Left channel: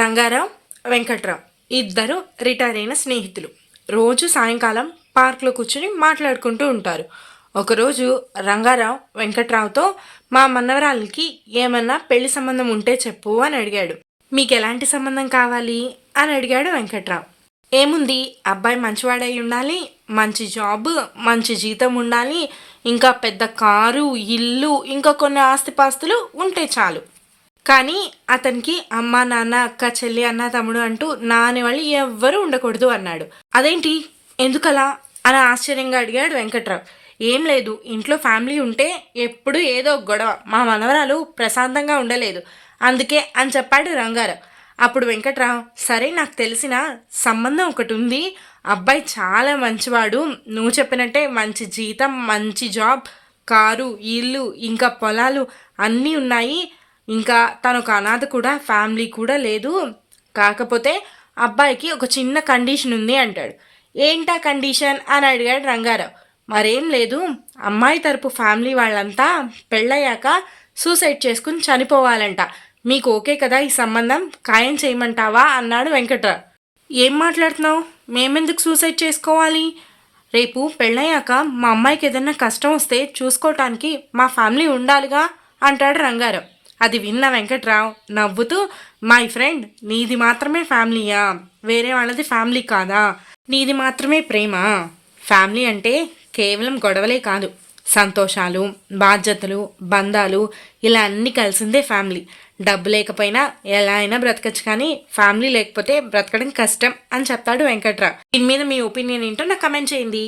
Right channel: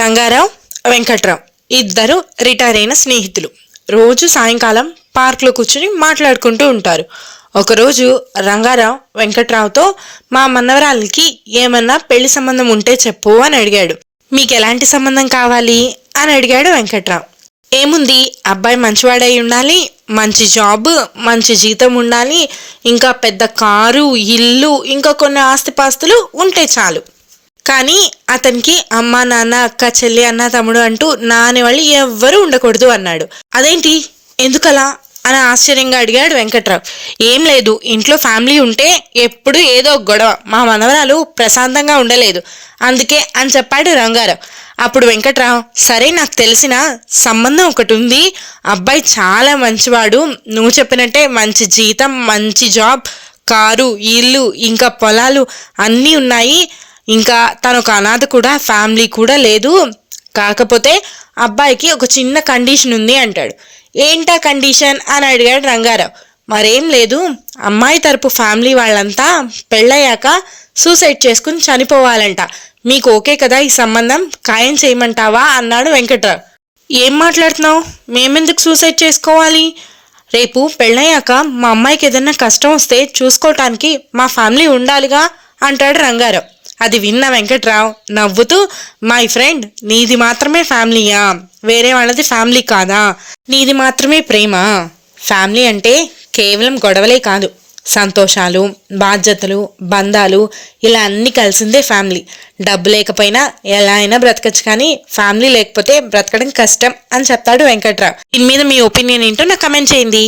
రంగారావు, వెంకట్రావు ఇద్దరు రిటైర్ అయిన స్నేహితులు. రోజు సాయంకాలం పార్క్లో కూర్చుని మాట్లాడుకుంటూ ఉంటారు. ఒకరోజు రంగారావు వెంకట్రావుతో, మా మనవరాలకి ఏమన్నా పెళ్లి సంబంధం ఉంటే చెప్పు అని అడిగాడు. మీకు ఎలాంటి సంబంధం కావాలి అని అడిగాడు వెంకట్రావు. ఏముంది, అబ్బాయి మంచివాడై ఉండాలి, మంచి జాబ్, మంచి జీతం ఉండాలి, ఇంకా పెద్ద కారు, ఇల్లు, ఇంకా కొన్ని ఆస్తిపాస్తులు ఉంటే చాలు. కానీ అతనికి అమ్మ, నాన్న, అక్క, చెల్లి, అన్న, తమ్ముడు అంటూ నాని వాళ్ళు ఎవ్వరూ ఉండకూడదు అన్నాడు. అదేంటి, ఎందుకలా అని ఆశ్చర్యంగా అడిగాడు వెంకట్రావు. ఏం లేదు, ఇంట్లో ఫ్యామిలీ ఉంటే ఎప్పుడు ఏదో గొడవ, మా మనవరాలు ప్రశాంతంగా ఉండలేదు, అందుకే అని చెప్పాడు రంగారావు. అప్పుడు వెంకట్రావు, సరే, నాకు తెలిసిన సంబంధం ఒకటి ఉంది, అబ్బాయి చాలా మంచివాడు, నువ్వు చెప్పినట్టే మంచి జీతం, మంచి జాబ్, కారు, ఇల్లు, ఇంకా పొలాలు అన్నీ ఉన్నాయి, ఇంకా తను ఒక అనాథ కూడా, ఫ్యామిలీ కూడా లేదు, కాకపోతే అబ్బాయికి ఒక చిన్న కండిషన్ ఉంది అంటాడు. ఏంటా కండిషన్ అని అడిగాడు రంగారావు. మరేం లేదు, అమ్మాయి తరపు ఫ్యామిలీ వాళ్ళంతా పెళ్ళయ్యాక సూసైడ్ చేసుకుని చనిపోవాలంట, మీకు ఓకే కదా ఈ సంబంధం, ఖాయం చేయమంటావా అన్నాడు వెంకట్రావు. ఏం మాట్లాడుతున్నావు, మేమెందుకు సూసైడ్ చేసుకోవాలి, రేపు పెళ్ళయ్యాక మా అమ్మాయికి ఏదైనా కష్టం వస్తే చూసుకోవటానికి మా ఫ్యామిలీ ఉండాలిగా అంటాడు రంగారావు. అది విన్న వెంకట్రావు నవ్వుతూ, మై ఫ్రెండ్, నీది మాత్రమే ఫ్యామిలీయా, వేరే వాళ్ళది ఫ్యామిలీ కాదా, నీది మాత్రమే ప్రేమ, ఫ్యామిలీ అంటే కేవలం గొడవలే కాదు, సంతోషాలు, బాధ్యతలు, బంధాలు, ఇలా అన్నీ కలిసిందే ఫ్యామిలీ. డబ్బు లేకపోయినా ఎలా అయినా బ్రతకచ్చు, కానీ ఫ్యామిలీ లేకపోతే బ్రతకడం కష్టం అని చెప్తాడు వెంకట్రావు. దీని మీద మీ ఒపీనియన్ ఏంటో నాకు కమెంట్ చేయండి.